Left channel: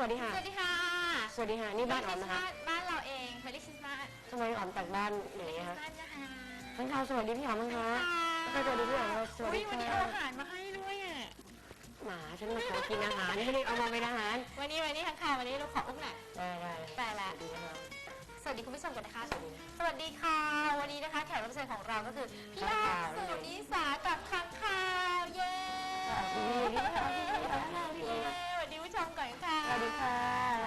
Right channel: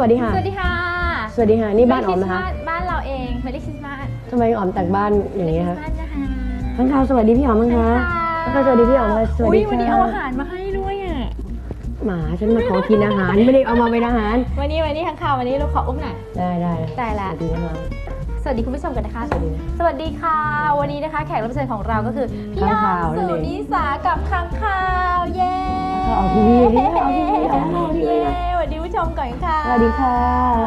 วัสดีค่ะ สวัสดีค่ะสวัสดีค่ะ นี่บ้านออมนะคะ Merry Christmas บ้านเราเองเมลิคริสต์มาสทำไมออมแต่งบ้านอย่างนี้นี้คะนะคะข้างคาวสวัสดีพี่ออมมั้งคะข้างคาวสวัสดีพี่ออมค่ะสวัสอุ้ดียวันนี้เอาค่ะอาหารมาให้ด้วยอะ หมาฉันมาขอกินอาหารไม่ได้เอามาเป็นอาหาร วันนี้วันนี้ข้างข่าววันนี้เราขออุ้มหน่อยได้ได้แต่สละวัสดีนะคะสวัสดีคุณผู้ชมกันนะคะ สวัสดีนะสวัสดีค่ะ วันนี้นะคะแขกรับเชิญของเราก็คือพี่ค้างอ้อคาวมนั่นเองสุนิสากับค้างคาวเย้ เอาทีวีเอาทีวีเอาทีวีเย้สวัสดีผู้ชมก่อนค่ะ สวัสดีค่ะ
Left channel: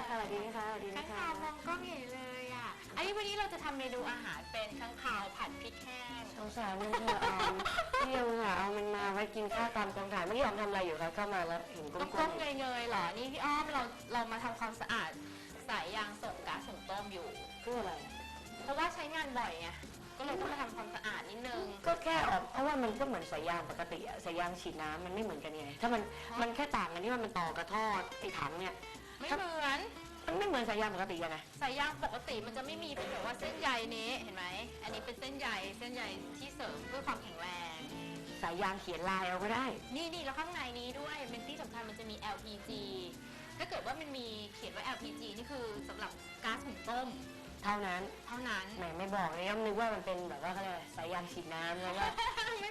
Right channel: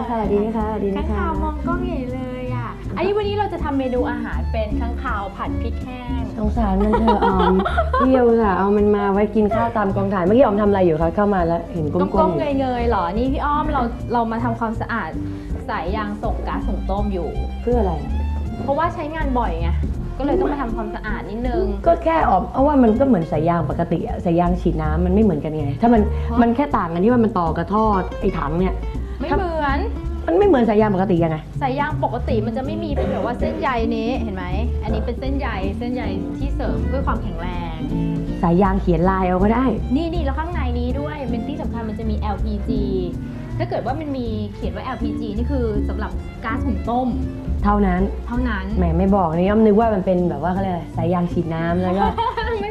สวัสดีนะคะสวัสดีค้านะงคาวมองกล้องใหญ่เลยอะ อันนี้วันนี้เราจะทำเมนูอาหารเป็นค้างคาวผัดพริกแห้ง สงสารมันเธอออมพี่เอาค่ะเอามันมาไว้กินข้าวตามกองถ่าย เมื่อกี้ออมทำอะไรอยู่คะ เข้ามาแล้วเห็นก้ก้มมๆอยู่ๆเงยๆเหรอ นี่พี่อ้อมเราเรามาทำความสะอาดสายยางส่งก๊าซส่งต้มอยู่ เพื่ออะไร เพราะว่าใช้งานบ่อยไง ก็เลยต้องมาทำความสะอาดนิดนึง ก็แค่ออกเอาว่ามันก็เหมือนสายยางปกติอะสายยางฉีดน้ำมันไม่เหมือนกันไง ถ้ามันฮะ มันแค่ต่างกันที่ว่ามันต่อกับท่อไอ้ถังเนี่ย ไม่เหมือนมันไม่เหมือนสายยางปกติยังไง สายยางปกติมันจะไม่มีเป็นแบบว่าเส้นใยนี้เห็นไหม อันนี้เป็นเส้นใยเส้นใยที่เสริมเพื่อความแข็งแรง สายยางเขียนลายเอาก็ได้ นี่นี่แล้วข้างในนี้ด้วยเป็นที่สำคัญมันจะมี LPG ถ้าเกิดว่ามันมีเขียนว่า LPG นี่คือสำหรับก๊าซหุงต้มเท่านั้น เท่านั้น แหมไม่บอกนี่ย่อมนึกว่ามันเป็นแบบว่าเขาเรียกอะไรสายยางฉีดน้ำแล้วก็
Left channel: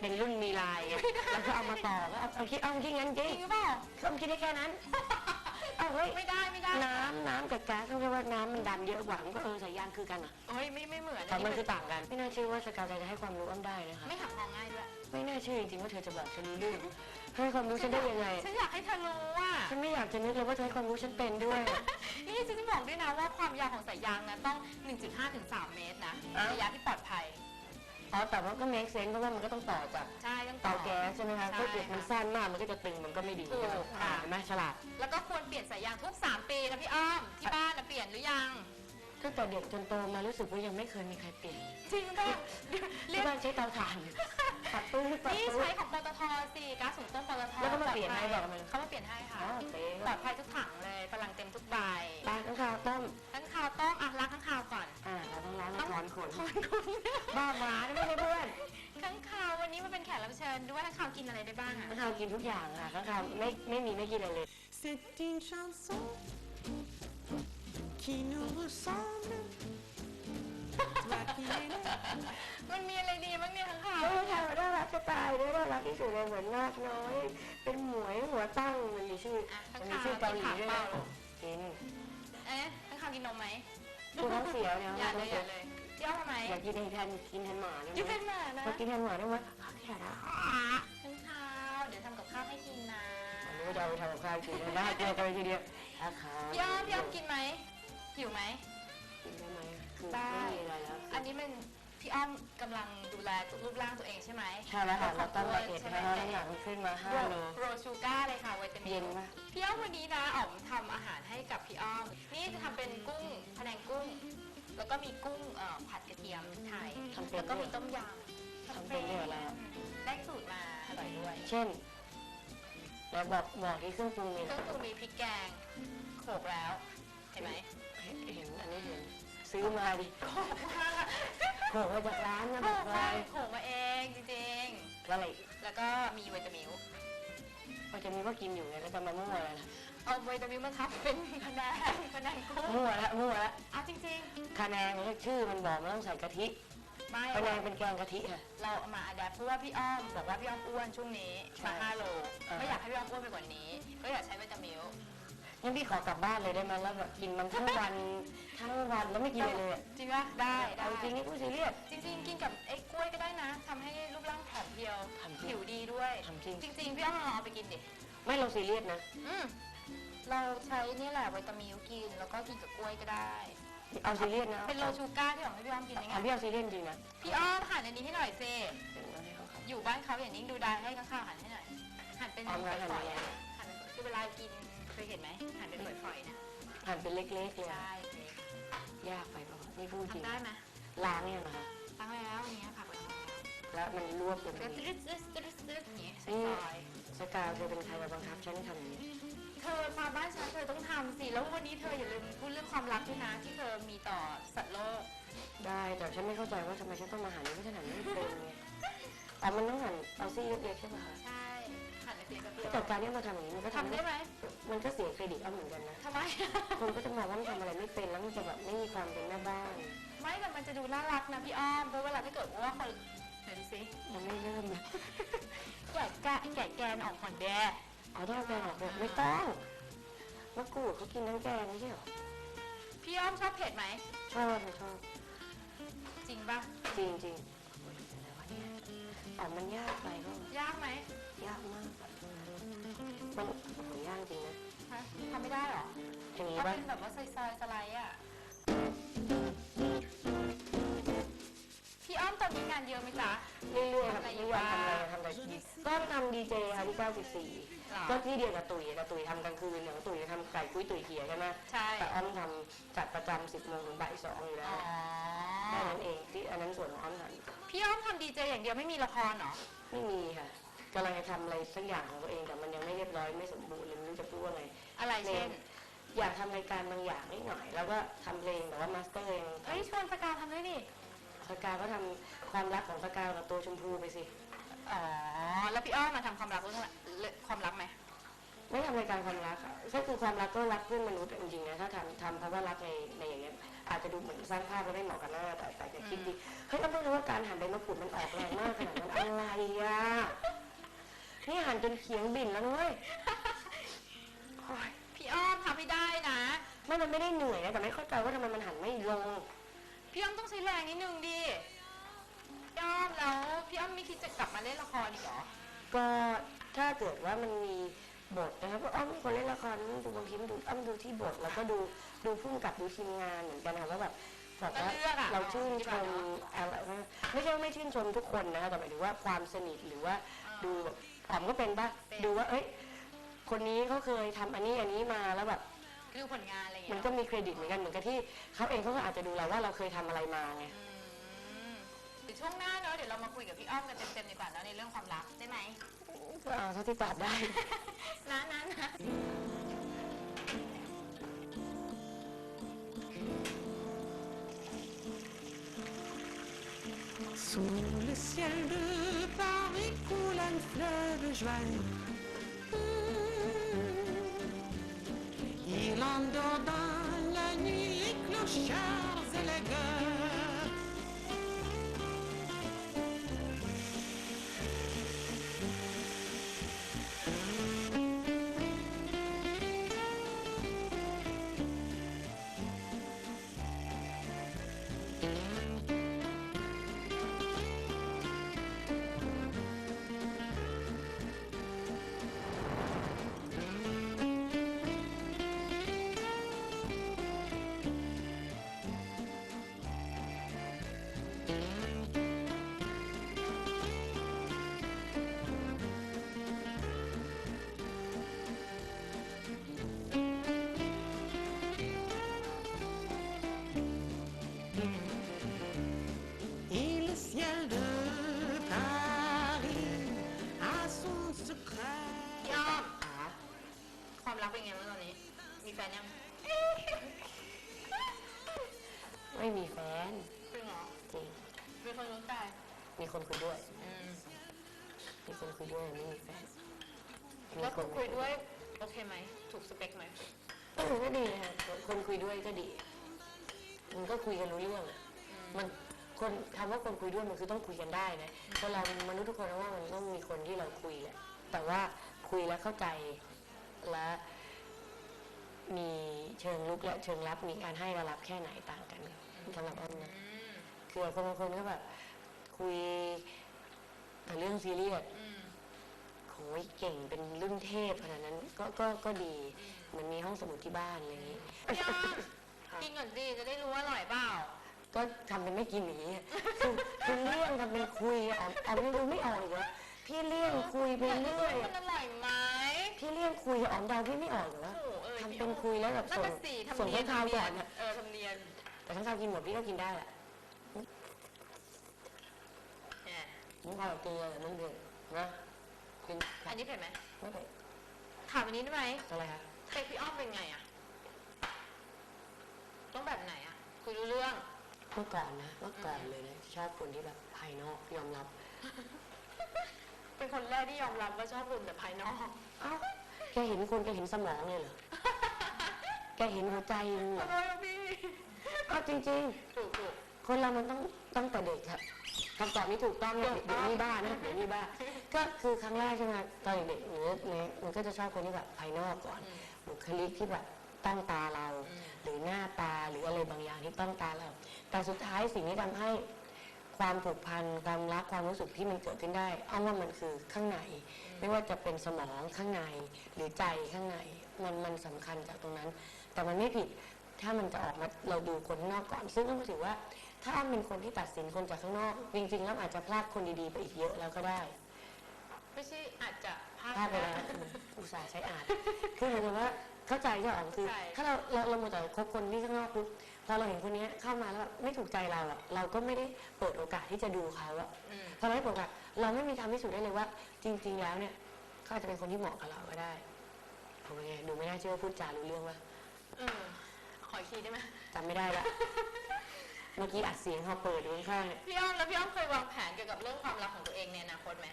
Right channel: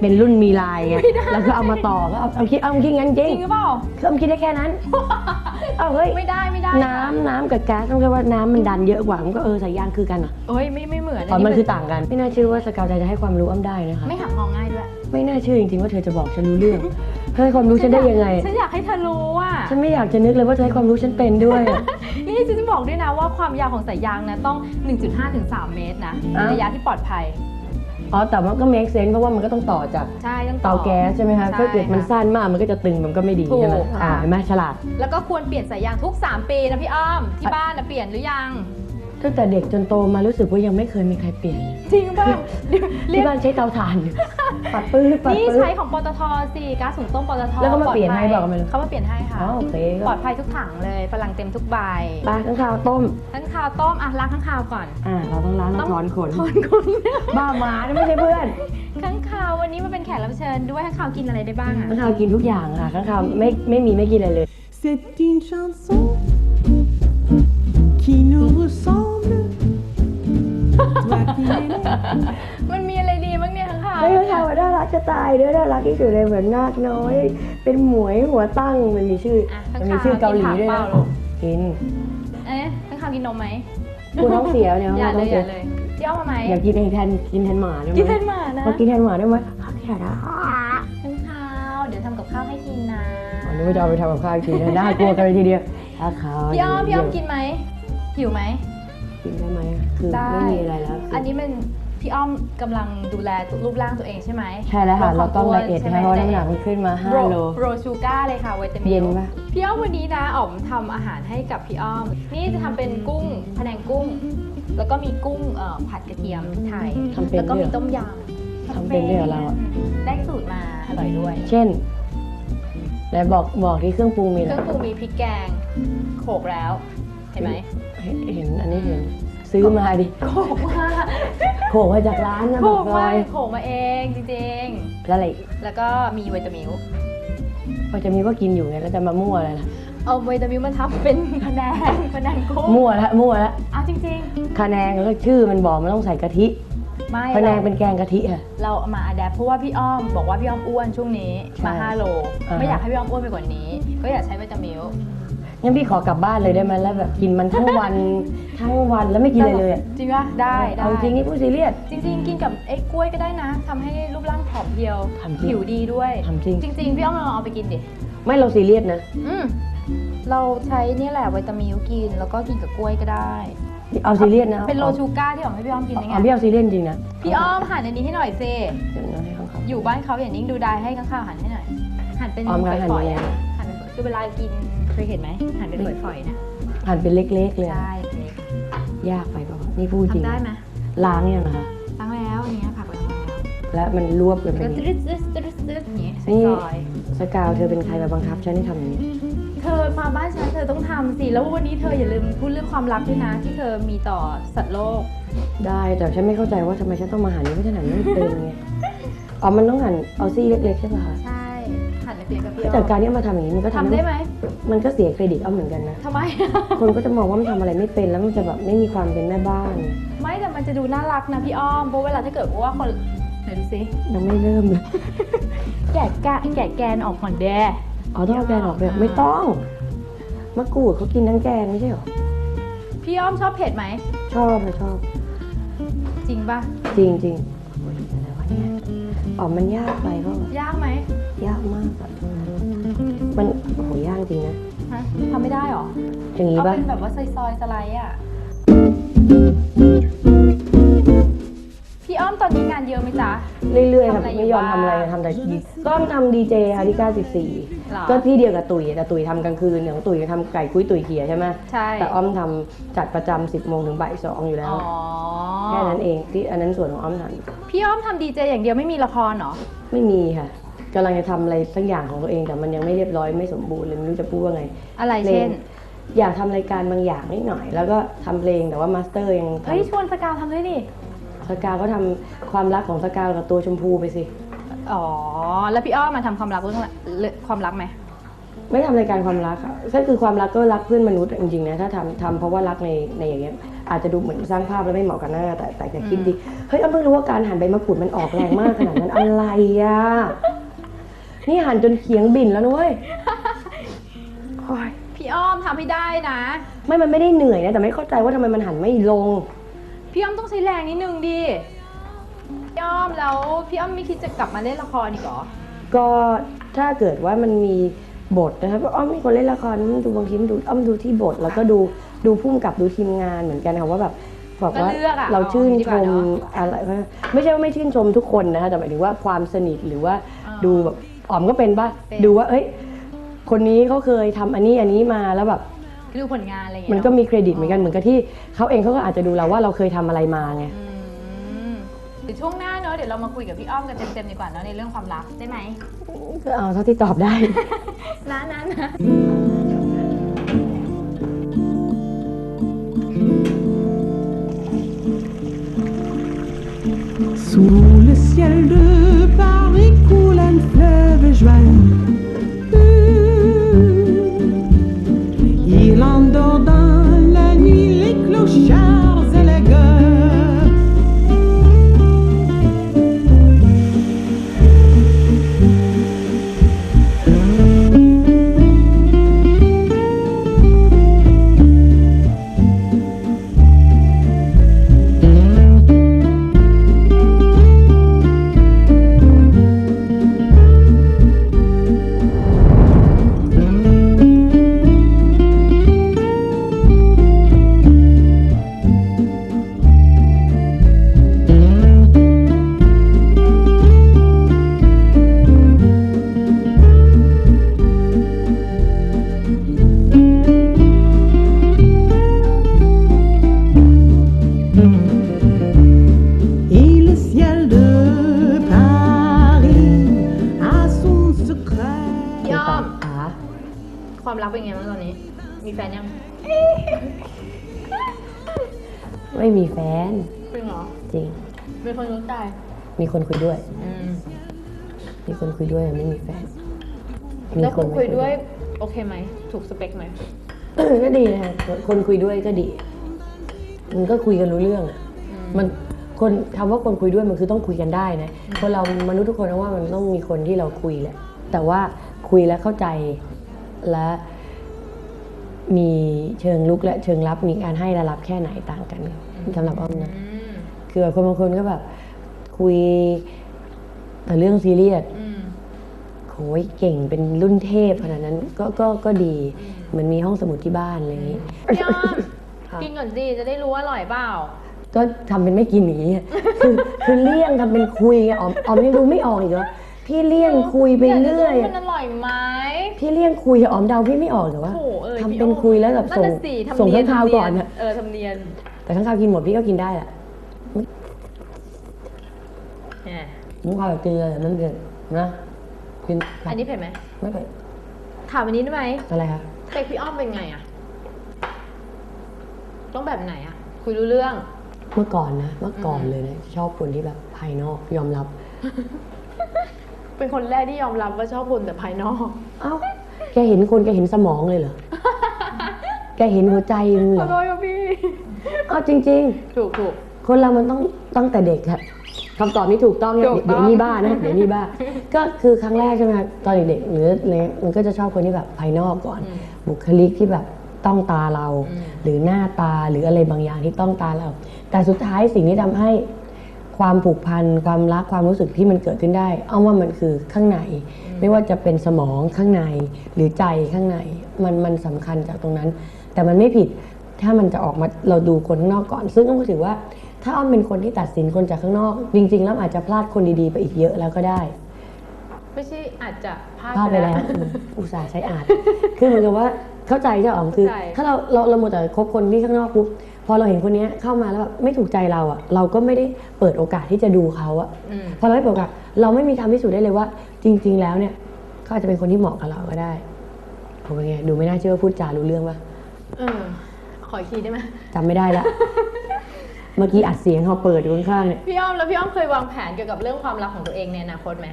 เป็นรุ่นมีลายไงแล้วก็เอามาต่อก็เอาเอาคิดเอาคิดงั้นจจริงริงหรือเปล่าก็เอาคิดได้แค่นั้น เอาเฮ้ยไม่ได้ไม่ได้น้ำน้ำกับแก๊สต้องแค่ว่าน้ำมันดันเยอะกว่ามันก็เออสายยางคือกันอะเอ้ยไม่ไม่เหมือนอ๋อมันเป็คือต่างกัน ไม่น่าเชื่อว่าสกาวใจจะให้ความรู้อ้ำได้นะคะ ไม่หักมองง่ายด้วย ไม่น่าเชื่อจริงๆว่าเธอจะบอกฉันรู้เรื่องเธอให้ความรู้ฉันได้ยังไง ฉันอยากให้เธอรู้อะ ฉันไม่อยากจะนึกเลยว่าเธอให้ความรู้ฉันเป็นด้วยอะ นี่ฉันจะบอกด้วยนะว่าความยาวของสายยางนะต้อง 1.5ถึง3เมตรนะอ้าว ระยะที่ปลอดภัย อ๋อ แต่ว่าก็ make sense เพราะว่ามันก็ต้องต่อจากใช่ต้องเตาแก๊สใช่ไหมคะใช่ถ้าเกิดมันค่ะ สั้นมากมันก็จะตึงมันก็ไม่ดีถูกใช่ไหมค่ะ อ่าเห็นไหมฉลาด แล้วก็ควรเปลี่ยนสายยางทุก 3 ปีนะพี่อ้อม ที่บ้านนะเปลี่ยนหรือยัง ตั้งแต่เด็กจนโตมารู้สึกว่ายังไม่เคยมีใครเปลี่ยนเลยจริงป่ะเดี๋ยวเรียที่กบ้านใช้เตาถ่านอยู่ปัดปื้ดปัดนี่ปื้ใช้ดของปตทสิก๊าซหุงต้มปตทแล้วเขามาเปลี่ยนให้ลดภับอกมาเลยเขามาเปลี่ยนให้ค่ะอ๋อโอเคปก็ลอดภัยทุกถังเลยพลังเต็มทุกใบปลาข้างคาวต้ม ทั้งข้าวต้มอะล้างทั้งข้าวก่อน อ่า เราต้องล้างแล้วถอนขนถอนขนบ้าหมานะไม่ใช่เพื่อนข้างข่าววันนี้มาเป็นแขกรับเชิญด้วยข้างข่าวกินอะไรได้บ้างอะข้างคาวกินทุกอย่างค่ะข้างคาวไม่ไม่มีไม่กินอะไรเลย C'est une chanson qui nous ressemble. มันมีอะไรดีบ้างเนี่ยข้างข่าวไม่ข้างคาวน่ารักจะตายเด้อน่ารักที่สุดเลยเหมือนนาคน้อย เป็นหมวยหัวตั้งมันมีชื่ออะมัข้างมีข่าวชื่อเกาหลีนผัด้วยเปนะล่าลูกกินเอ๊ะข้างข่าวกินนมไหมกูท้องเสียเนี่ยอย่าท้เลองยอเสียย่าเลยพี่อ้อมมาไหมอยากกินเองแทนกินแทนหมาได้ไหมกินเป็นหมานะพอกินแทนหมาได้ไหมข้าวแค่นะข้างข่าวเดี๋ยวทำกับข้าวให้กินนะอันนี้ว่าจะเอาไปทำกับข้าวกินนะน่ากลัวกันเลยทีเดียวข้าวขาวพี่อ้อมพี่อ้อมกินไหมหิวไหม กินได้ไหมคือได้ ไม่มีอะไรแล้วคืออันนี้มัน พี่อ้อมกำลังดูแลรูปร่างตัวเองใช่ไหมใช่แล้วค่ะเราต้องลไดดเอทใช่นะไมเพราะน้ำหนักมันขึ้นมา5โล โรชูก้าเลยค่ะวิตามินเย็นปะ พี่อ้อมวันนี้นะอ๋อมทำอาหารให้กับพี่อ้อม นี่จะทำเป็นกุ้งพะแนงกุ้ง แล้วก็มีกุ้งเอ่อผัดกระเทียมพริกไทย ทำเป็นแล้วก็ด้วยมีเหรอต้มยำทำเป็นด้วยเหรอเราอะ ได้สูตรมาอร่อยด้วย เช่นไหนบอกบอกที่เครื่องปรุงมีเคอะไรรื่องปรุงมีพริกแกงโขลกแล้ว เห็นไหม เห็นเห็นอันนี้เห็น ซื้อมาดิโขลกมาโขกมาจากร้านนะโขบลอกกเลมายโขลกมาเองจริงแล้วอะไรอีกๆ แล้วก็มีวิตามิวพอจะมีก็กินอยู่ไงแล้วจะมามั่วอะไรล่ะเอาวิตามิวมันทำเป็นพะแนงพะแนงกุ้งมั่วแล้วมั่วแล้วเอาจริงคะแนนก็ชื่อมันบอกมันต้องใส่กะทิๆ ไม่คะแนนเราเป็นแกงกะทิค่ะ เราเอามาอัดแอปเพราะว่าพี่อ้อมบอกว่าพี่อ้อมอ้วนช่วงนี้ใช่มา5โล อ่าฮะ ไม่อยากให้พี่อ้อมอ้วนไปกว่านี้ ก็อยากใช้วิตามิว งั้นพี่ขอกลับบ้านเลยได้ไหมแล้วแบบกินมันทั้งวัน ทั้งวันแล้วไม่กินอะไรเลยอะจริงป่ะได้ได้เอาจริงนี่พูดซีเรียส จริง ๆ กินกับไอ้กล้วยก็ได้นะทำให้รูปร่างผอมเพรียวทำจริงผิวดีด้วยทำจริง จริง ๆ พี่อ้อมลองเอาไปกินดิไม่เราซีเรียสนะ อืมเราใช้เนี่ยแหละวิตามิวกิน แล้วก็กินกับกล้วยก็ได้ เอาซีเรียสนะเป็นโลชูก้าที่อ้อมให้พี่อ้อมกินได้ไงเอาพี่เอาซีเรียสจริงนะพี่อ้อมหั่นอันนี้ให้หน่อยเซเดี๋ยวนะให้เขาครับอยู่บ้านเขาอย่างนิ่งดูได้ให้ข้างๆหั่นให้หน่อยหั่นเป็นอ้อมคะหั่นฝอยยังไงๆอะหั่นเป็นฝอยคือเวลากิน เคยเห็นไหมหั่นเป็นฝอยๆนะหั่นเป็นเล็กๆเลยอะใช่นี่ยากไปเปล่าวะนี่พูดจริงทำได้ไหมล้างยังนะคะล้างแล้วอันเนี้ยผักล้างแล้วแล้วมันรวบกันแล้วเป็นก็ตึ๊ดตึ๊ดตึ๊ดตึ๊ดอย่างเงี้ยนี่ซอยสกาวเธอเป็นใครมาบังคับฉันให้ทำอย่างนี้ๆเธอมาบ้านฉันเธอต้องทำสิ แล้ววันนี้เธออย่าลืมพูดเรื่องความลับด้วยนะ ที่เธอมีต่อสัตว์โลก ได้แต่ฉันไม่เข้าใจว่าทำไมฉันต้องมาหั่นนี้เพราะฉันหั่นไม่เป็นไงอ๋อมันต้องหั่นเอาซี่เล็กๆใช่ป่ะคะใช่หั่นเล็กๆกับพี่แต่อ้อมการที่เอามาทำอย่างนี้มันก็ทำได้ไหม มันก็เสียเครดิตอ้อมเหมือนกันนะ ทำไม คนก็จะมองว่ามันทำอะไรไม่เป็นแล้วมันจะแบบไม่มีความเป็นแม่บ้าน ไม่แต่มันจะดูน่ารักนะพี่อ้อมเพราะเวลาถ้าเกิดว่าคนไหนดูสิยังไม่เริ่มเลยแกะแกะแกะแกนออกก่อนแดอ๋อต้องเอาแกงออกเลยไม่ต้อง มะกรูดเขากินทั้งแกงไม่ใช่เหรอ พี่อ้อมชอบเผ็ดไหม ชอบค่ะชอบ จริงปะจริงจริง เนี่ยอ๋อมันยากไปก็ยากไหมยากมากอะมันโอ้โหยากจริงนะฮะทำไม่ได้หรออย่างนี้เอาปะเป็นแบบว่าซอยๆสไลด์อะพี่ อ้อมตอนนี้งานเยอะไหมจ๊ะ เรื่อยๆครับทำอะไรอยู่ไม่ยอมทำอะไรบ้าง ทำแต่ต้นทำดีเจค่ะที่หรอ 94 ก็ที่เดียวกับตุ๋ยแต่ตุ๋ยทำกลางคืนอย่างตุ๋ยทำไก่กุ้ยตุ๋ยเขียใช่ไหมใช่ แต่อ้อมทำจัดประจำ10โมงถึงบ่ายสองอยู่แล้อ๋วอแค่นั้นเองที่อันนั้นส่วนของอ้อมทพี่อ้อมทำดีเจอย่างเดียวไม่มีละครเหรอำไม่มีค่ะกำลังจะทำอะไรสักอย่างของตัวเองแต่มันยังไม่เรียบร้อยไม่สมบูรณ์เลยไม่รู้จะพูดว่าไง อะไรเพลเช่งนอยากทำรายการบางอย่างนิดหน่อย แล้วก็ทำเพลงแต่ว่ามาสเตอร์ยังเฮ้ยทำชวนสกาวทำด้วยดิ สกาวก็ทำความรักของสกาวกับตัวชมพูไปสิ อ๋อ แล้วพี่อ้อมมาทำความรักเรื่องอะไรเรื่องความรักไหม ไม่ทำรายการความรักค่ะก็คือความรักก็รักเพื่อนมนุษย์จริงๆนะถ้าทำทำเพราะว่ารักในในอย่างเงี้ยอาจจะดูเหมือนสร้างภาพแล้วไม่เหมาะกันนะแต่แต่แต่คิดดีเฮ้ยอ้อมเพิ่งรู้ว่าการหั่นใบมะกรูดมันออกแรงมากขนาดนั้นอะไรอะนี่หั่นจนเขียงบิ่นแล้วนุ้ยโอ๊ยพี่อ้อมทำให้ได้นะ ไม่มันไม่ได้เหนื่อยนะแต่ไม่เข้าใจว่าทำไมมันหั่นไม่ลง พี่อ้อมต้องใช้แรงนิดนึงดิพี่อ้อมแล้วพี่อ้อมไม่คิดจะกลับมาเล่นละครอีกเหรอ ก็ถ้าเกิดว่ามันมีบทนะครับอ้อมมีคนเล่นละครมันดูบางทีมันดูอ้อมดูที่บท แล้วก็ดูดูพุ่มกับดูทีมงานเหมือนกันค่ะว่าแบบบอกว่าก็เลือกอะเราชื่นเอาดีชกว่ามเนอะอะไรไม่ใช่ว่าไม่ชื่นชมทุกคนนะคะแต่หมายถึงว่าความสนิทหรือว่าอ่าดูแบบอ๋อมก็เป็นป่ะเป็น ดูว่าเอ้ยคนนี้เขาเคยทำอันนี้อันนี้มาแล้วแบบ ดูผลงานอะไรอย่างเงี้มัยนก็เนอะมีเครดิตเหมือนกันเหมือนกับที่เขาเองเขาก็อาจจะดูเราว่าเราเคยทำอะไรมาไง อืมเดี๋ยวช่วงหน้าเนอะเดี๋ยวเรามาคุยกับพี่อ้อมกันเต็มๆดีกว่าเนอะในเรื่องความรักได้ไหมก็เอาเท่าที่ตอบได้ นะนะนะ Sous le ciel de Paris coule un fleuve joyeux. ความรักเป็นไงบ้างตอนนี้ มีแฟนยังไม่มีแฟนจริงเหรอจริง เป็นคนรู้ใจมีคนคุยด้วย อืมมีคนคุยด้วยไม่มีแฟนแล้วคุณไม่คุยด้วย โอเคไหม ถูกสเปคไหมเออก็ดีนะคนคุยด้วยก็ดี มันก็คุยกันรู้เรื่องอะมันคนคำว่าคนคุยด้วยมันคือต้องคุยกันได้นะคนเรามนุษย์ทุกคนนะว่ามันต้องมีคนที่เราคุยแหละแต่ว่าคุยแล้วเข้าใจ และมีเชิงลุกและเชิงรับมีการให้และรับแค่ไหนต่างกันสำหรับอ้อมนะอืมคือแบบคนบางคนก็แบบคุยแต่เรื่องซีเรียสอืมโหยเก่งเป็นรุ่นเทพขนาดนั้นก็ก็ก็ดีเหมือนมีห้องสมุดที่บ้านอะไรอย่างนี้พี่อ้อมครับกินก่อนสิจะได้รู้ว่าอร่อยเปล่าก็ทำเป็นไม่กินหนีอะคือคือเลี่ยงทำเป็นคุยไงอ๋อมอ๋อมยังดูไม่ออกอีกเหรอพี่เลี่ยงคุยไปเรื่อยมันอร่อยไหม พี่เลี่ยงคุยอะอ๋อมเดาพี่ไม่ออกเหรอวะโอ้โหเออทำพี่เป็นอ้อมคุยแล้วแบบนั่นส่งน่ะสิทำส่งเนียข้างคาวก่อนทำเยอะเออทำเนียนแต่ข้างคาวกินหมดพี่ก็กินได้แหละแหมมุ้งข้าวกับเกลือมันเกิดนะกินอันนี้เผ็ดไหมไม่เป็นถามอันนี้ได้ไหมอะไรคะสเปคพี่อ้อมเป็นไงอะต้องแบบไหนอะคุยรู้เรื่อง เมื่อก่อนนะ เมื่อก่อนเลยนะชอบคนที่แบบภายนอกยอมรับ เป็นคนแรกที่ยอมรับว่าชอบคนแต่ภายนอก เอ้าแกเห็นคนแกเห็นสมองเลยเหรอ แกเห็นหัวใจมึงเหขรออโทษครับพี่ เอาจริง ถูกถูก ๆ คนเรามันต้องตั้งแต่เด็กครับคำตอบนี้ถูกต้องเนี่ยถูกต้อง เดี๋ยวนี่บ้านะเดี๋ยวนี่บ้า ก็คือครั้งแรกใช่ไหมคะตอนเด็กๆหรืออะไรมันก็จะชอบคนที่แบบภายนอกก่อน บุคลิกที่แบบต้องตาเรา หรือหน้าตาหรืออะไรบางอย่างที่ต้องตาเรา แต่สุดท้ายสิ่งที่ทำให้ ความผูกพันความรักความรู้สึกที่มันเกิดขึ้นได้เอาว่ามันคือข้างใน ไม่ว่าจะเป็นสมองข้างในหรือใจข้างในมันมันสำคัญจากตรงนั้น แต่มันไม่ผิดถ้ามันจะออกมาเราดูคนข้างนอกก่อน ซึ่งต้องถือว่า ถ้าอ้อมเป็นคนที่ตัดสินคนจากข้างนอก จริง ๆ แล้วอาจจะพลาดคนดีๆ ไปอีกเยอะแล้วก็ได้ ไม่ใช่อาจจะพลาดพลาดไปแล้วอืมอุตส่าห์ใช้อาจ คือเหมือนกับว่าเข้าใจใช่อ๋อมคือ เข้าใจ ถ้าเราเราเราหมดแต่คบคนที่ข้างนอกปุ๊บ พอเราเห็นคนเนี้ยเข้ามาแล้วแบบไม่ถูกใจเราอะเราก็ไม่ได้เปิดโอกาสที่จะดูเขาอะอืมพอเราไม่เปิดโอกาสเราไม่มีทางพิสูจน์ได้เลยว่า จริง ๆ แล้วเนี่ยเขาอาจจะเป็นคนที่เหมาะกับเราก็ได้ผมเป็นไงดูไม่น่าเชื่อว่าพูดจารู้เรื่องปะเออ ขออีกทีได้ไหมจำไม่ได้ละเมื่อกี้อัดเสียงเขาเปิดอยู่ข้างๆเนี่ยพี่อ้อมแล้วพี่อ้อมเคยวางแผนเกี่ยวกับเรื่องความรักของตัวเองในอนาคตไหม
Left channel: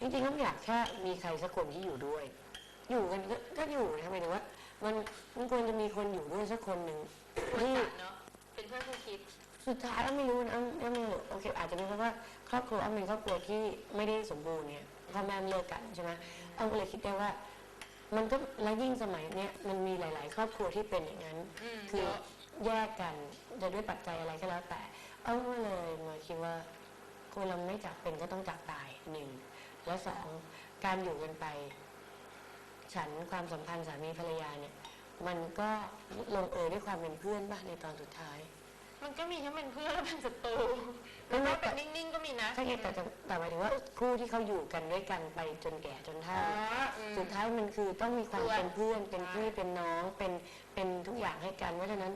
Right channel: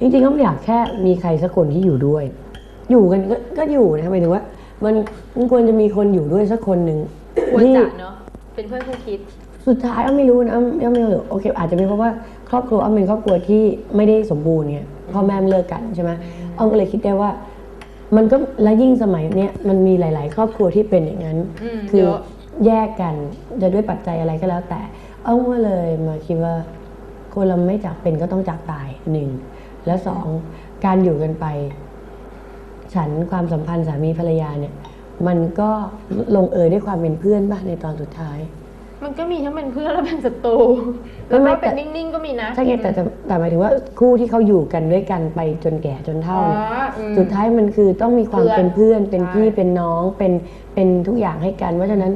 จริงๆก็ไม่อยากแค่มีใครสักคนที่อยู่ด้วย อยู่กันก็ก็อยู่นะหมายถึงว่า มันมันควรจะมีคนอยู่ด้วยสักคนหนึ่งควรที่จะเนาะเป็นเพื่อนคู่คิด สุดท้ายอ้อมไม่รู้นะอ้อมอ้อมไม่รู้โอเค อาจจะเป็นเพราะว่าครอบครัวอ้อมเป็นครอบครัวที่ไม่ได้สมบูรณ์เนี่ยพ่อแม่เลิกกันใช่ไหมอ้อมก็เลยคิดได้ว่า มันก็และยิ่งสมัยเนี้ยมันมีหลาย ๆ ครอบครัวที่เป็นอย่างนั้น อืมคือเยอะ แยกกันจะด้วยปัจจัยอะไรก็แล้วแต่อ้อมก็เลยมาคิดว่า คนเราไม่จากเป็นก็ต้องจากตายหนึ่งและสองการอยู่กันไป ฉันความสัมพันธ์สามีภรรยาเนี่ย มันก็ลงเอยด้วยความเป็นเพื่อนบ้างในตอนสุดท้าย มันก็มีทั้งเป็นเพื่อนและเป็นศัตรูไม่แล้วไม่ก็แต่เป็นนิ่งๆก็มีนะใช่ไงแต่แต่แต่หมายถึงว่าคู่ที่เขาอยู่กันด้วยกันไปจนแก่จนเฒ่าเนี่ยอืมสุดท้ายมันคือต้องมีความเพื่อนเป็นเพื่อนเป็นใช่พี่เป็นน้องเป็นเป็นทุกอย่างให้กัน เพราะฉะนั้น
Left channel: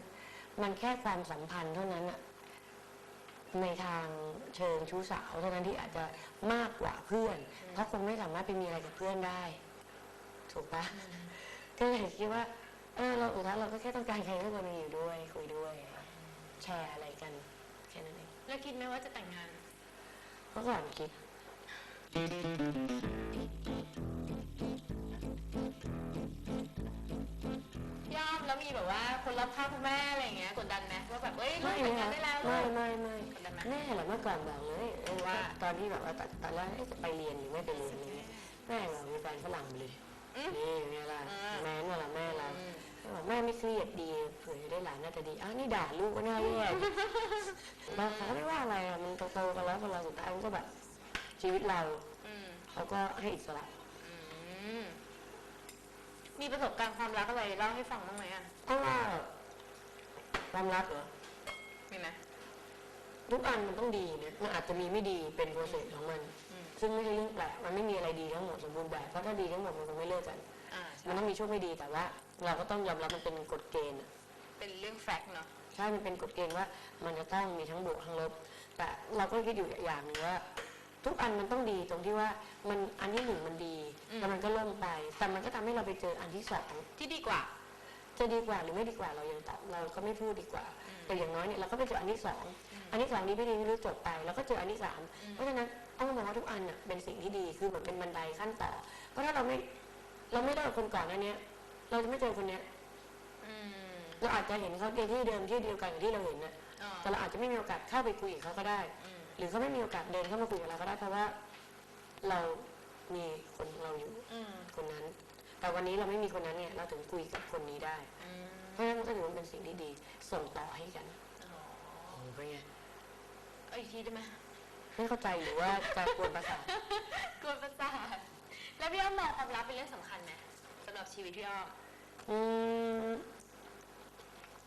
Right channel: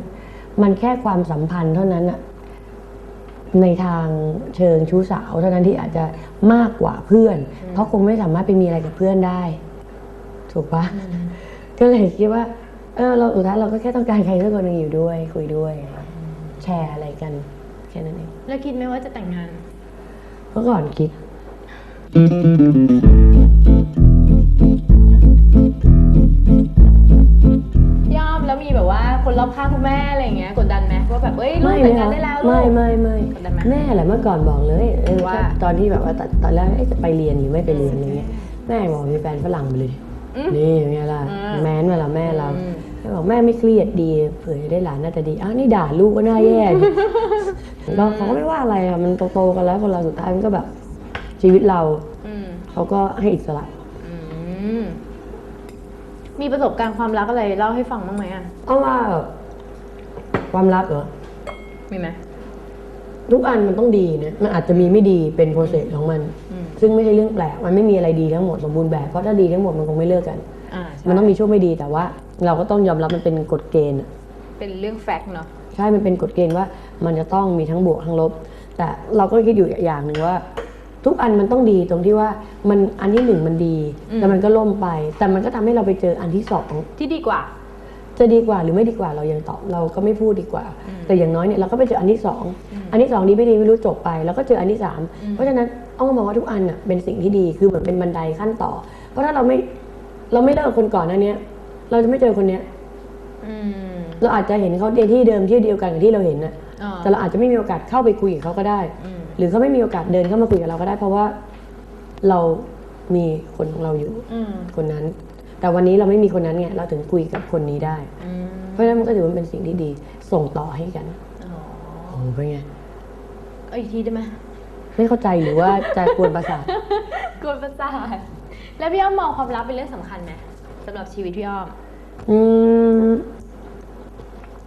มันแค่ความสัมพันธ์เท่านั้นอะในทางเชิงชู้สาว เท่านั้นที่อาจจะมากกว่าเพื่อน เพราะคงไม่สามารถไปมีอะไรกับเพื่อนได้ ถูกปะก็เลยคิดว่า เออเราสุดท้ายเราก็แค่ต้องการใครสักคนหนึ่งอยู่ด้วย คุยด้วย แชร์อะไรกัน แค่นั้นเองแล้วคิดไหมว่าจะแต่งงานเมื่อก่อนคิดพี่อ้อมแล้วมีแบบว่าคนรอบข้างคุณแม่อะไรอย่างเงี้ยกดดันไหมว่าแบบเอ้ยลูกไม่แต่เลยงงานค่ะได้แล้วลูกไม่ไม่ไม่กดดันไหมแม่แหละเมื่อก่อนบอกเลยเออว่าถ้าตอนที่แบบว่าตอนตอนแรกเอ๊ะจะไปเรียนหรือไม่ไปเรียนอะไรเงี้ยแม่บอกมีแฟนฝรั่งไปเลยอืม นี่ไงล่ะอืมแมนมาแล้วแม่เราอืมแม่บอกแม่ไม่เครียดดีเผื่อจะได้หลานน่าจะดีอ้าวนี่ด่าลูกก็น่าแย่ดิเราเขาก็ไม่ว่าอะไรอะมันโตๆกันแล้วคนเราสุดท้ายมันก็แบบชีวิตเราอืมเขาก็ให้อิสระอืมมีประสบการณ์ความรักอะไรเล่าให้ฟังบ้างไหมอะเพราะว่าความรักเหรอมีไหมทุกอันมันต้องดีนะมันอาจจะมีไม่ดีเป็นโปรเซสของมันอืม ซึ่งไม่ใช่เรื่องแปลกมันไม่มีอะไรดีทั้งหมดสมบูรณ์แบบเพราะถ้าดีทั้งหมดมันคงไม่เลิกกัน อ่าใช่มันต้องมีช่วงไม่ดีแต่ว่า เราก็ต้องยอมรับมันเป็นกฎเกณฑ์อะเป็นเรื่องแฟกต์เนาะใช่ มันเป็นกฎเกณฑ์ว่ามันจะต้องมีทั้งบวกทั้งลบ แต่เราก็คิดอยู่อย่างหนึ่งว่า ทุกอันมันต้องดีตรงที่ว่ามันอันที่หนึ่งมันดีแล้วมันก็ล่มไป แต่มันก็ทำให้เราไปเจออันที่สอง ที่ดีกว่า จะดีกว่าหรือไม่ดีกว่าเรายังตอบเราก็ไม่พูดดีกว่า แต่อย่างน้อยเนี่ยเราก็ไปเจออันที่สองอันที่สองดีไม่ดีไม่รู้จบไป แล้วก็เจออันที่สามเพราะฉะนั้น อ้อมก็มองว่าทุกอันน่ะเป็นสิ่งที่ดีคือเหมือนเป็นบันไดขั้นต่อ เพราะถ้าเราไม่เราไม่เลิกกับคนก่อนหนั้นเนี้ย เราจะไม่เจอคนเนี้ยอืมเราอาจจะเห็นเขาในที่เดิมที่เดียวกันกับที่เราเห็นน่ะอ่าแต่เราอาจจะไม่มีโอกาสเข้าไปคุยกับเขาก็ได้ อืมหรือเขาไม่มีโอกาสเดินเข้ามาคุยกับเราก็ได้ เพราะว่าเรามีคนของเราอยู่อืมคนนั้น แต่วันนี้เราไม่มีคนนั้นไงเราถึงคุยกับคนนี้ได้ อืมเพราะฉะนั้นมันก็ถือว่าเป็นสิ่งที่ดีส่งต่อให้กันอ๋อโอ้โหเป็นไง เอาอีกทีได้ไหม ไม่เข้าใจหรือว่าจะกวนประสาทกวนประสาทแล้วพี่อ้อมมองความรักเป็นเรื่องสำคัญไหมสำหรับชีวิตพี่อ้อม อืม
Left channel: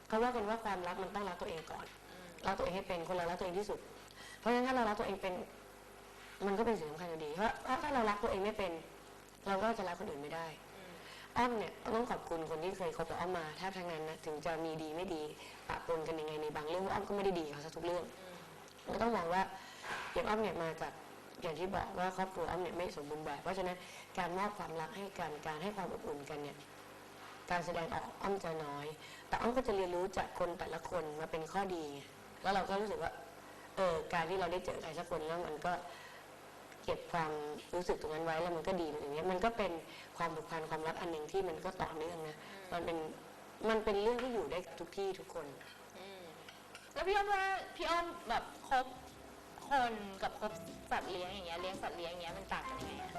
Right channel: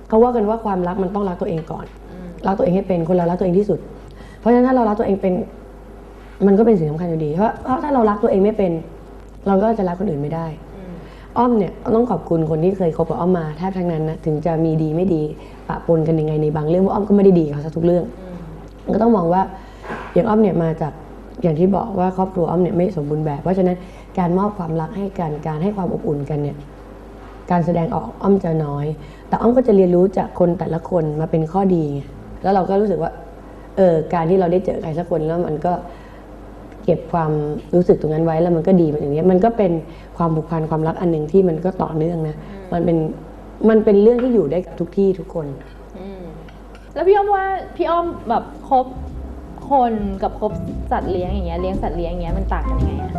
เขาว่ากันว่าความรักมันต้องรักตัวเองก่อนอืมรักตัวเองให้เป็นคนเรารักตัวเองที่สุด เพราะฉะนั้นถ้าเรารักตัวเองเป็น มันก็เป็นสิ่งสำคัญอยู่ดี เพราะเพราะถ้าเรารักตัวเองไม่เป็น เราก็จะรักคนอื่นไม่ได้อืมอ้อมเนี่ยต้องขอบคุณคนที่เคยคบกับอ้อมมาแทบทั้งนั้นนะถึงจะมีดีไม่ดีปะปนกันยังไงในบางเรื่องว่าอ้อมก็ไม่ได้ดีกับเขาสักทุกเรื่องอืมมันก็ต้องมองว่า อย่างอ้อมเนี่ยมาจากอย่างที่บอกว่าครอบครัวอ้อมเนี่ยไม่สมบูรณ์แบบ เพราะฉะนั้นการมอบความรักให้กันการให้ความอบอุ่นกันเนี่ยการแสดงออกอ้อมจะน้อย แต่อ้อมก็จะเรียนรู้จากคนแต่ละคนมาเป็นข้อดีไงแล้วเราก็รู้สึกว่าเออการที่เราได้เจอใครสักคนแล้วมันก็เก็บความรู้สึกตรงนั้นไว้แล้วมันก็ดีมันอย่างนี้มันก็เป็นความผูกพันความรักอันหนึ่งที่มันก็ต่อเนื่องนะมันเป็นมันเป็นเรื่องที่อยู่ได้กับทุกที่ทุกคน แล้วพี่อ้อมว่าพี่อ้อมแบบคบ คนกับคบสัตว์เลี้ยงอย่างเงี้ยเลี้ยงสัตว์เลี้ยงอย่างเงี้ยมันต่างกันยังไงอะ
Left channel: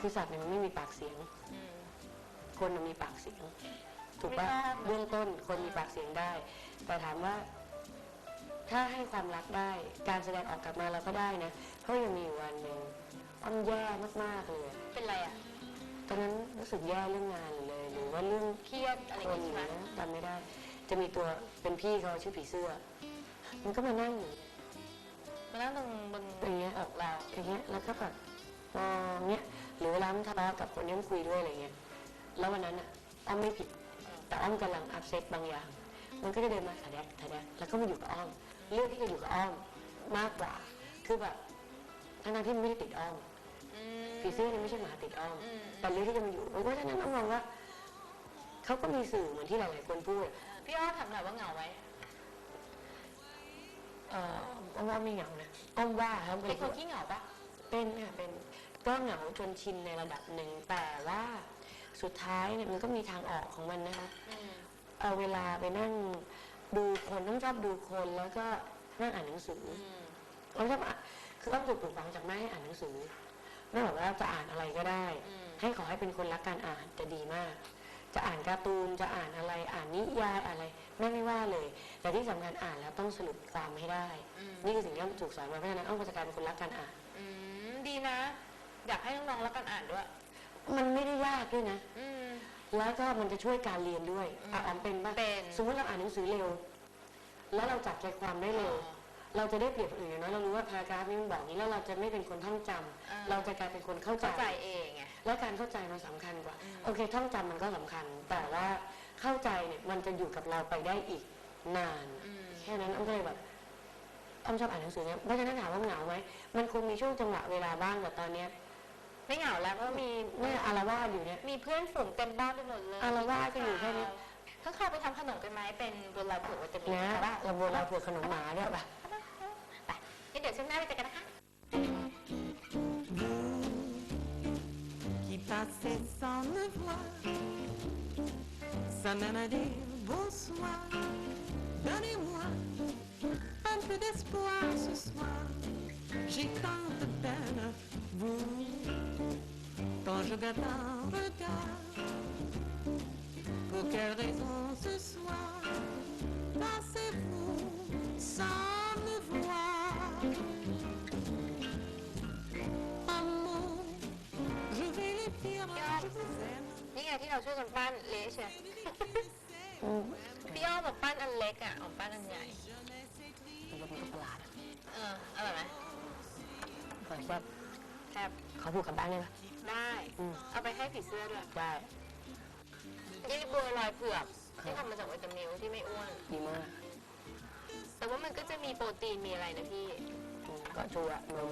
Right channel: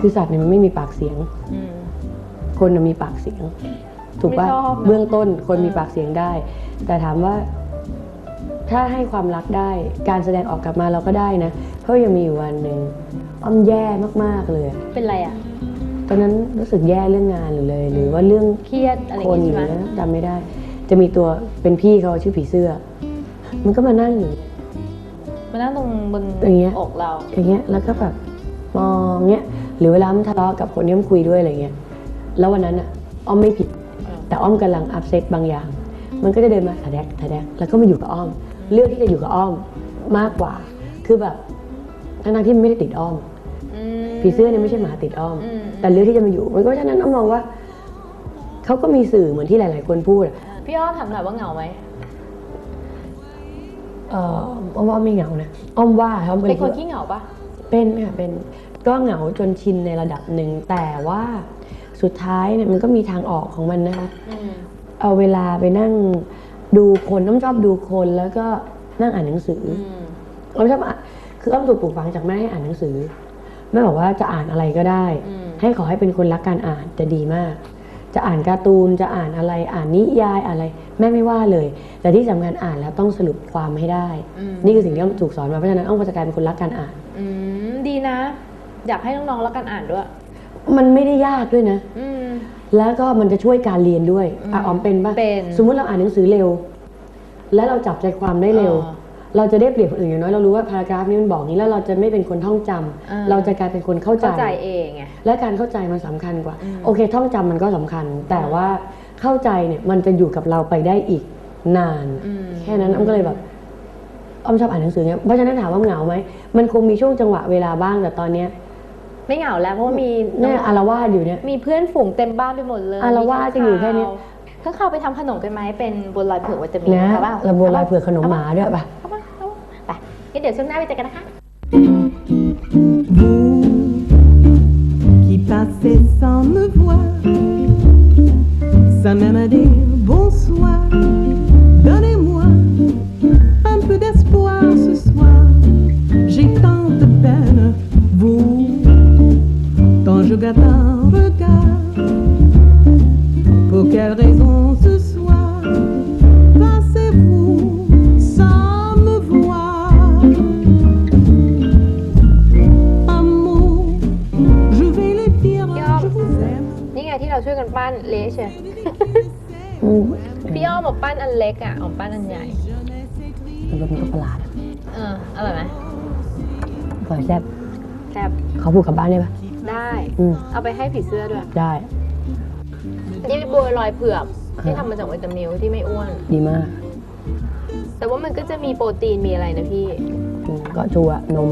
คือสัตว์เนี่ยมันไม่มีปากเสียง อืม คนน่ะมีปากเสียง ถูกปะไม่ชอบนะ เบื้องต้นคนอืมมีปากเสียงได้ แต่ถามว่า ถ้าให้ความรักได้ การแสดงออกกลับมาเราก็ได้นะเพราะยังมีอยู่วันหนึ่งอ้อมแย่มากๆเลย เป็นไรอะ ตอนนั้นรู้สึกแย่เรื่องงานหรือเลย หรือว่าเรื่องเครียดอะไรอคย่างนงี้หใช่รือไหมจำไม่ได้ จะมีตัวเป็นพี่เขาชื่อผีเสื้อ มันก็มานั่งอยู่มานั่งตรงบนอย่างเงี้ยอกเราอย่างเงี้ยแล้วก็แบบมองเงี้ยหรือเวลามันทะเลาะกับคนที่มันคุยด้วยอะไรเงี้ยแล้ววันนั้นอะอ้อมไม่ผิด แต่อ้อมกำลังอัพเซตบางอย่าง มันก็จะเดินมาทะแดกทะแดกแล้วก็มาอยู่กับอ้อม เลือกที่จะอยู่กับอ้อมมากกว่า คือแบบทั้งๆที่มันไม่ได้ติดอ้อมอืม ผีเสื้อเนี่ยไม่ใช่หมาติดอ้อมอืมแต่เลือกที่จะมาอยู่มันก็ฉะนั้นอ้อมมองว่าเขาก็มีสื่อเหมือนที่หลาย ๆ คนพูดอะพี่อ้อมถามหน่อยว่าเหงาไหมเอ่ออ้อมว่าไม่เหงานะอ้อมว่าเขาเป็นคนขี้เหงาปะเป็นค่ะเป็นก็เหงาจนชินในระดับหนึ่งแต่ว่าสุดท้ายเนี่ยมันก็มีทางออกของมันนะคะอืมเอาเวลาไปนั่งดูคนอ้อมชอบดูคนแล้วก็นั่งอ่านหนังสืออืมอ้อมชอบอ่านคืออ้อมถูกปลูกฝังจากแม่ให้อ่านหนังสือ แม่บอกว่าจะอ่านอะไรก็ได้อืมให้ขอให้เป็นคนรักการอ่านจะดีมาก จะอ่านการ์ตูนจะอ่านอะไรอ่านนิยายอะไร แม่ไม่ว่าเลย แต่ที่สำคัญอ่านแล้วต้องสรุปความให้ได้อืมนี่คือสิ่งที่อ้อมถูกสอนมาเพราะฉะนั้นอ้อมก็จะกลายเป็นคนรักการอ่านอืมดีนะ อยากให้น้องๆรักการอ่านด้วย มันไม่ได้ยากด้วยนะอืมแล้วก็มันจะช่วยการเรียนด้วยอืมอะออมเป็นปะเป็นสมมุติเราอ่านหนังสือเร็ว แล้วเราจับใจความได้เร็วอ่า เราจะได้เปรียบคนอื่นอย่างน้อยเรารู้ว่าพารากราฟนี้มันบอกนี้แล้วเราจะไม่เป็นคนท่องจำอ่าเราจะกลายเป็นคนเข้าใจ เข้าใจเองไง และการเข้าใจมันสำคัญกว่า อืม โอเค ท่องจำมันก็สำคัญ แต่ว่าเข้าใจเนี่ยมันจะอยู่กับเราไปได้อีกนาน อืม แค่นั้นอ้อมก็เลยแบบอ้อมชอบอ่านหนังสือเนี่ยเพราะฉะนั้นถามว่าเหงาไหมมันคงมีช่วงจังหวะเวลาบ้างแต่ตอนเนี้ยไม่เหงาแล้วเพราะว่ามีเนี่ยอารวาสอยู่เนี่ย มีเพื่อนฝูงเต็มบ้านไปหมดเลยอะเราว่าจะอยู่แค่เนี้ย ข้างข่าวไปทำขนมกันไหมเป็นบัวลอยเผือกวิตามินนะครับป่ะระบวนลายเผือกขนมหมาด้วยป่ะ งั้นเดี๋ยวช่วงหน้าไปเจอกันนะคะ Vous qui passez sans me voir, sans même dire bonsoir, donnez-moi un peu d'espoir ce soir. J'ai tant de peine, vous, quand je garde กันปั้นเละเชียวอืมพี่อ้อมบอกปั้นอันเล็กอะออมปั้นอันใหญ่มันก็มันก็ประหลาดเอออร่อยไหมก่อนแซ่บแซ่บเขาพูดกลับบ้านได้ปะได้ อืมเอาไปให้ผีเสื้อด้วยได้ นี่บัวลอยเผือกที่ทำมาจากวิตามิลที่ไม่อ้วน ดีมากแต่ว่ามันก็จะมีโปรตีนมีอะไรนะพี่ อืมก็ชัวร์นม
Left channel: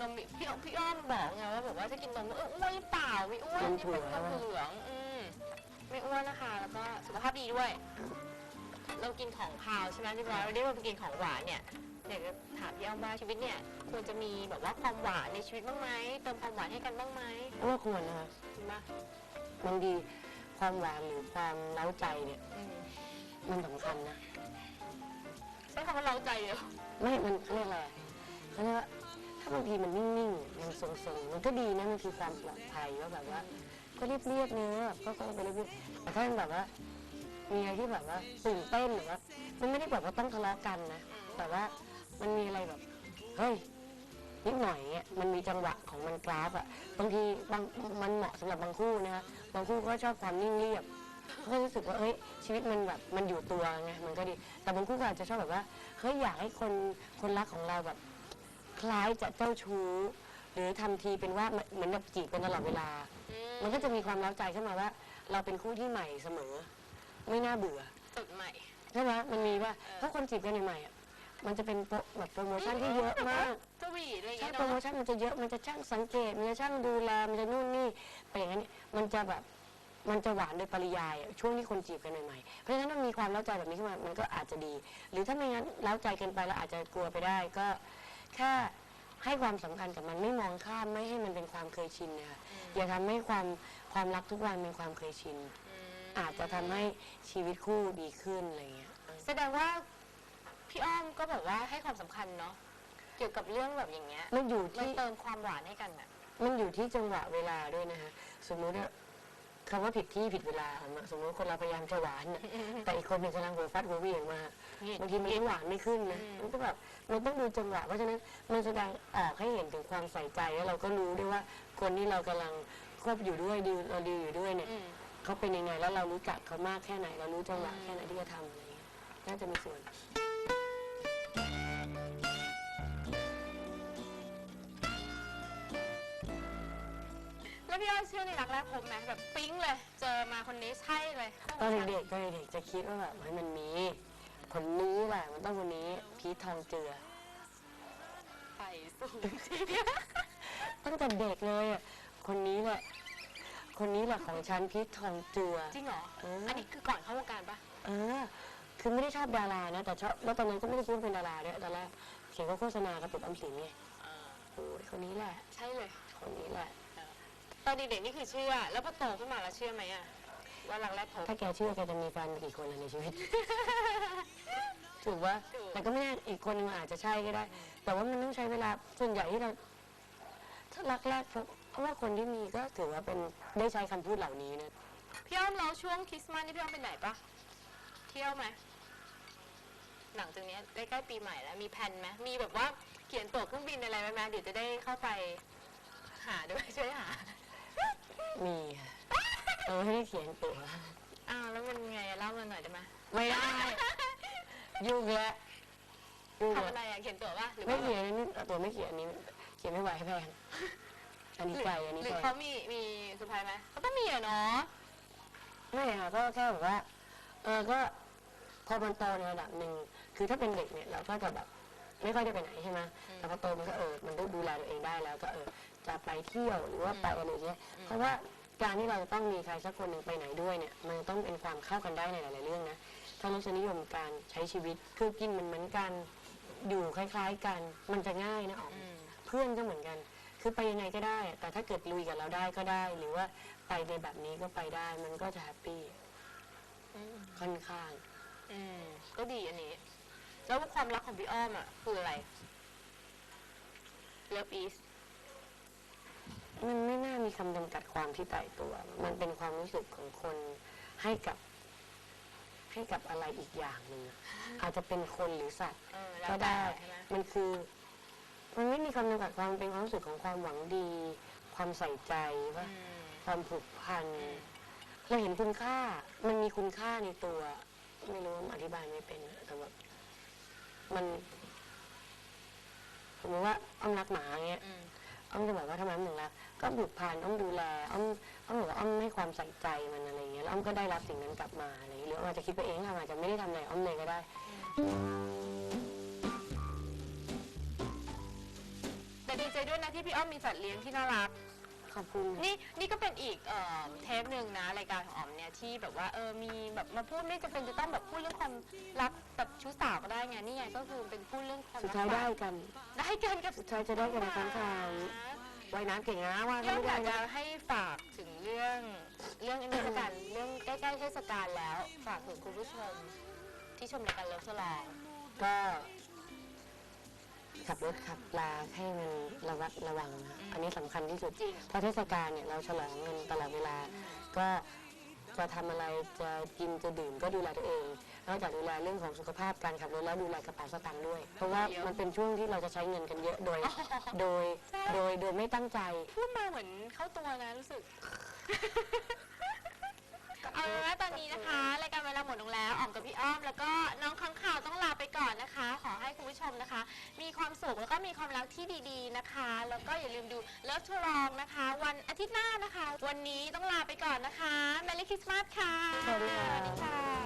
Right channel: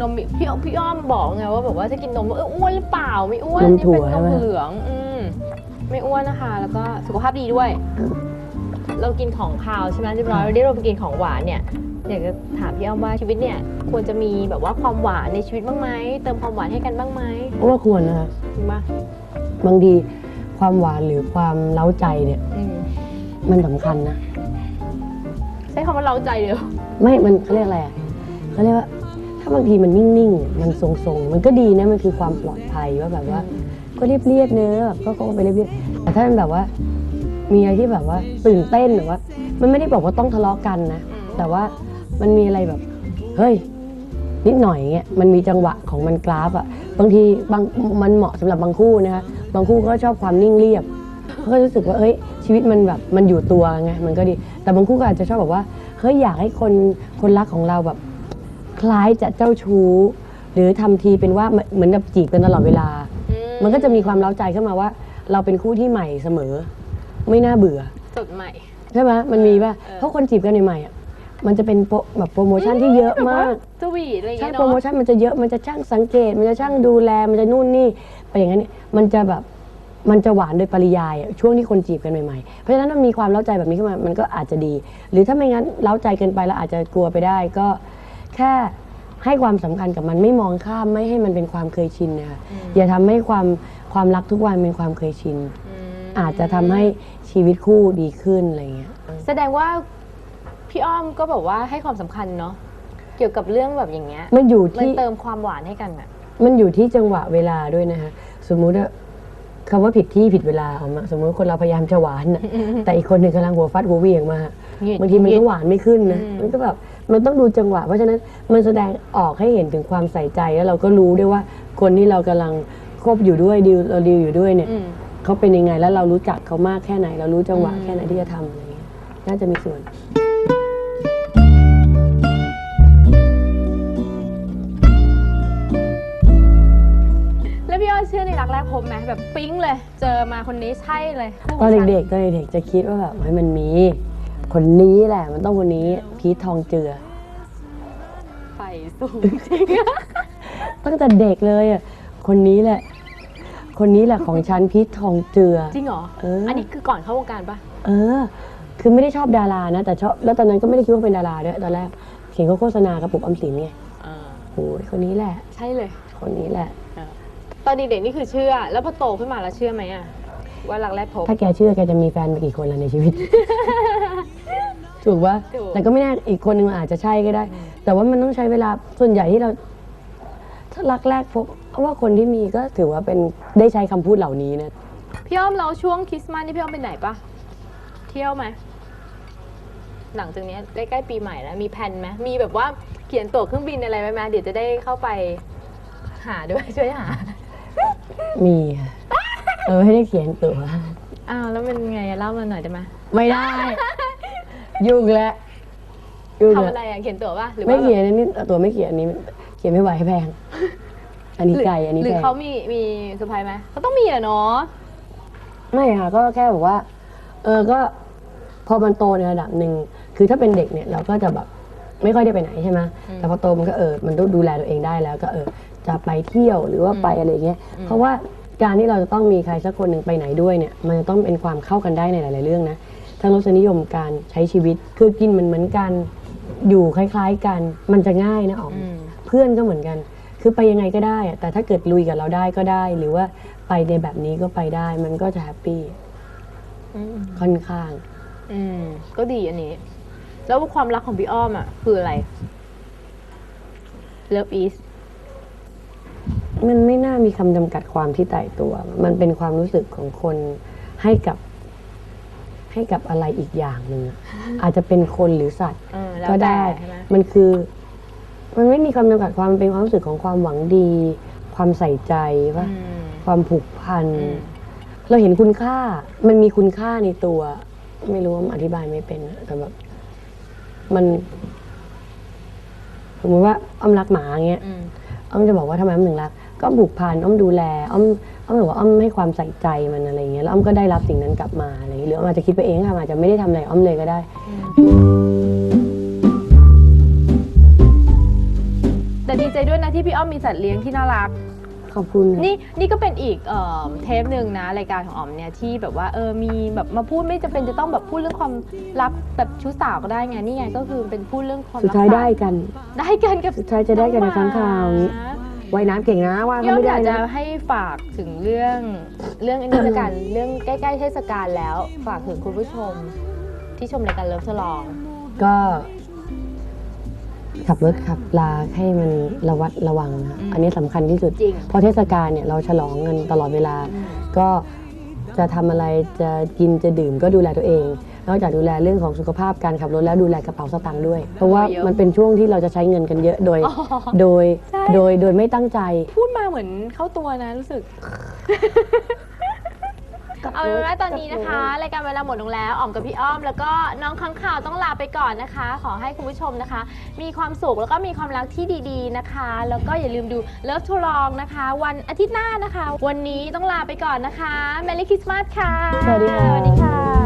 นมมีพี่อ้อมพี่อ้อมบอกไงว่าแบบว่าจะกินนมเอออ้วนหรือเปล่าไม่อ้วนนมนี่ถั่เป็วนนใช่มไหม เหลืองอืม ไม่อ้วนนะคะ แล้วก็สุขภาพดีด้วย เรากินของคาวใช่ไหมเรียบร้อยวันนี้เราไปกินของหวานเนี่ยอยากจะถามพี่อ้อมว่าชีวิตเนี่ยควรจะมีแบบว่าความหวานในชีวิตบ้างไหมเติมความหวานให้กันบ้างไหมเพราะว่าควรนะคะจริงปะบางทีความหวานหรือความเล้าใจเนี่ยอืมมันสำคัญนะ ใช้คำว่าเราใจเดียวไม่ มันเขาเรียกอะไรอะเขาเรียกว่า ถ้าบางทีมันนิ่งๆ มันทรงๆ มันก็ดีนะ มันคือความปลอดภัยว่าแบบว่า ก็เรียบๆเนื้อก็ก็ไปเรียบๆแต่ถ้ามันแบบว่า มีอะไรที่แบบว่าตื่นเต้นหรือว่า มันไม่ได้บอกว่าต้องทะเลาะกันนะ แต่ว่ามันมีอะไรแบบ เฮ้ย นิดหน่อยเงี้ยมันมีจังหวะของมันกราฟอะบางทีบางมันเหมาะสำหรับบางคู่นะคะบางคู่ก็ชอบความนิ่งเรียบก็รู้สึกว่าเฮ้ยชีวิตมันแบบมันอยู่ตัวไงมันก็ดี แต่บางคู่ก็อาจจะชอบแบบว่าเฮ้ยอยากให้คนคนรักของเราแบบ คล้ายจะเจ้าชู้ หรือทำทีเป็นว่าเหมือนกับจีบกันตลอดเวลา มันก็จะมีความเล้าใจขึ้นมาว่า เราเป็นคู่ที่ใหม่เสมอ ไม่น่าเบื่อ สดใหม่ ใช่ไหมมันมีป่ะเออเพราะคนจีบกันใหม่ๆอะมันจะเป็นโปรแบบโปรโมชั่นที่เยอะมากสวีทอะไรอย่างใช่เงี้ยโปรโมเนาะชั่นมันจะเยอะมันจะช่างสังเกต มันจะช่างดูแลมันจะนู่นนี่ไปอย่างนั้นเนี่ยมันจะแบบมันจะหวานโดยปริยายอะช่วงที่คนจีบกันใหม่ๆเพราะฉะนั้นมันมีความเล้าใจแบบนี้ขึ้นมามันก็อาจจะดี หรือถ้าไม่งั้นเล้าใจเกินไปแล้วอาจจะกลัวไปได้ก็แค่ ให้ความสำคัญกับมันไม่มองข้ามไม่ให้มันเป็นความเคยชินนะคะอย่าทำให้ความความรักทุกวันเป็นความเคยชิน อาจจะทำให้ชีวิตคู่ดีขึ้นอะไรเงี้ย แสดงว่าพี่อ้อมก็แบบว่าให้ความสำคัญเนาะเกี่ยวกับเรื่องแบบอย่างเงี้ยมันอยู่มันที่ เติมความหวานให้กันอะ มันอยู่ที่จังหวะเวลาด้วยนะคะสมมุติว่าคำว่าผิดที่ผิดเวลาของมันสมมติคนเราพยายามจะหวานน่ะแต่อีกคนหนึ่งกำลังหัวฟัดหัวเหวี่ยงมา หงิดบางทีมันหงิก็ดหวานไม่ขึ้นนะ อืม มันก็แบบมันต้องดูจังหวะ เพราะฉะนั้นมันแสดงออกให้เห็นถึงความใส่ใจแล้วเราก็รู้ด้วยว่าคนที่เรากำลังคบอยู่ด้วยดีลเราดีลอยู่ด้วยเนี่ยอืม เขาเป็นยังไงแล้วเรารู้จักเขามากแค่ไหน เรารู้จังหวะอืม แค่ไหนที่จะทำอะไรเงี้ยน่าจะมีส่วน แล้วพี่อ้อยเชื่อในรักแรกพบไหมแบบปิ๊งเลย เจอมาคนนี้ใช่เลยคู่ตอนของฉัเด็กๆตอนเด็กๆจะคิดว่าแบบเฮ้ยมันมี คนนี้แหละ มันต้องคนนี้ พีททองเจือ ไฟสูงจริงอะตั้งแต่เด็กเลยอะ คนนี้แหละ คนนี้แหละของฉันพีททองเจือ จริงเหรอ เอออั อันนี้คือก่อนเข้าวงการปะเออ คือไม่ได้ชอบดารานะ แต่ชอบ แล้วตอนนั้นก็ไม่ได้คิดว่าเป็นดาราด้วยตอนแรกเห็นเขาโฆษณากระปุกออมสินไงโอ้ยคนนี้แหละ ใช่เลย คนนี้แหละ ตอนเด็กๆนี่คือเชื่อ แล้วพอโตขึ้นมาแล้วเชื่อไหมอะว่ารักแรกพบ ถ้าแกเชื่อแกจะมีแฟนไปกี่คนล่ะในชีวิต ถูกว่าถูก แต่ก็ไม่แน่อีกคนนึงอาจจะใช่ก็ได้ แต่ว่ามันต้องใช้เวลาส่วนใหญ่ที่เราถ้ารักแรกพบเพราะว่าคนที่มีก็ถือว่าเป็นได้ใช้คำพูดเหล่านี้นะพี่อ้อมเราช่วงคริสต์มาสนี่พี่อ้อมไปไหนปะเที่ยวไหมหลังจากเนี้ยใกล้ๆปีใหม่แล้วมีแผนไหมมีแบบว่าเขียนตั๋วเครื่องบินอะไรไหมไหมเดี๋ยวจะได้เข้าไปหาด้วยช่วยหามีค่ะเออไม่ได้เขียนตัวอ้าวแล้วมันไงอะเล่ามาหน่อยได้ไหมไม่ได้ ยุ่งแล้วยุ่งทำแล้วอะไรอะเขียนตั๋วปะหรือไม่ว่าเขียนอันนี้ตัวไม่เขียนอันนี้ เขียนไม่ไหวให้แพง อันนี้หรือไกลอันนี้หรือแพงเขามีมีเซอร์ไพรส์ไหมเขาต้องมีอะเนาะไม่ค่ะก็แค่บอกว่า เออก็พอมันโตในระดับหนึ่งคือถ้าเป็นเด็กเนี่ยเราก็จะแบบไม่ค่อยได้ไปไหนใช่ไหมแต่พอโตมันก็เออมันต้องดูแลตัวเองได้แล้ว ก็เออจะไปเที่ยวหรือว่าไปอะไรอย่างเงี้ยเพราะว่าการที่เราจะต้องมีใครสักคนหนึ่งไปไหนด้วยเนี่ย มันจะต้องเป็นความเข้ากันได้ในหลาย ๆ เรื่องนะ ทั้งรสนิยมการใช้ชีวิต คือกินมันเหมือนกัน อยู่คล้ายๆกัน มันจะง่ายนะอ๋อมอืมเพื่อนก็เหมือนกัน คือไปยังไงก็ได้อะแต่ถ้าเกิดลุยกับเราได้ก็ได้ หรือว่าไปในแบบนี้ก็ไปได้ มันก็จะแฮปปี้อืมค่อนข้าง อืมก็ดีอันนี้ แล้วความรักของพี่อ้อมอะคืออะไร Love is มันไม่น่ามีคำจำกัดความที่ตายตัว มันเป็นความรู้สึกของคนให้กับ ให้กับอะไรอีกอย่างหนึ่งอะอาจจะเป็นคนหรือสัตว์เออแล้วก็แต่ได้ใช่ไหมมันคือมันไม่มีคำจำกัดความมันเป็นความรู้สึกของความหวังดี ความใส่ใจว่า อืม ความผูกพัน อืม เราเห็นคุณค่า มันมีคุณค่าในตัว ไม่รู้ว่าอธิบายไม่เป็นอะแต่แบบมันสมมติว่าอ้อมรักหมาอย่างเงี้ย อืม อ้อมจะบอกว่าทำไมอ้อมถึงรัก ก็ผูกพันอ้อมดูแล อ้อม อ้อมบอกว่าอ้อมให้ความใส่ใจมันอะไรอย่างเงี้ยแล้วอ้อมก็ได้รับสิ่งนั้นกลับมาอะไรอย่างเงี้ยหรืออ้อมอาจจะคิดไปเองค่ะอาจจะไม่ได้ทำอะไรอ้อมเลยก็ได้ แต่ดีใจด้วยนะที่พี่อ้อมมีสัตว์เลี้ยงที่น่ารัก ขอบคุณนี่นี่ก็เป็นอีกเอ่อเทปหนึ่งนะรายการของอ๋อมเนี่ยที่แบบว่าเออมีแบบมาพูดไม่จำเป็นจะต้องแบบพูดเรื่องความรักแบบชู้สาวก็ได้ไงนี่ไงก็คือเป็นพูดเรื่องความสุดท้ายรักได้กัน ได้กันกับสุดท้ายจะได้กันในครั้งคราวน้องหม ว่ายน้ำเก่งนะว่าพี่เขาอ้อมไม่อได้ยากจะนะให้ฝากถึงเรื่องเรื่องอันนี้ละกัน เรื่องใกล้ๆเทศกาลแล้ว ฝากถึงคุณผู้ชมที่ชมรายการเลิฟสลอง ก็ ขับรถขับลาให้มันระวัดระวังนะอืมอันนี้สำคัญที่สุด จริง เพราะเทศกาลเนี่ยเราฉลองกันตลอดเวลา ก็จะทำอะไรจะกินจะดื่มก็ดูแลตัวเอง นอกจากดูแลเรื่องของสุขภาพการขับรถแล้วดูแลกระเป๋าสตางค์ด้วย เพราะว่าเยอะมันเป็นช่วงที่เราจะใช้เงินกันเยอะโดยอ๋อโดยใช่โดยโดยไม่ตั้งใจ พูดมาเหมือนเข้าตัวนะรู้สึก เอาเป็นว่าตอนนี้นะคะรายการเวลาหมดลงแล้วอ๋อมกับพี่อ้อม แล้วก็น้องค้างข่าวต้องลาไปก่อนนะคะ ขอให้คุณผู้ชมนะคะ มีความสุขแล้วก็มีความรักที่ดีๆนะคะ แล้วก็อย่าลืมดู Love to Long นะคะ วันอาทิตย์หน้านะคะ วันนี้ต้องลาไปก่อนนะคะ Merry Christmas ค่ะสวัสดีค่ะ สวัสดีค่ะ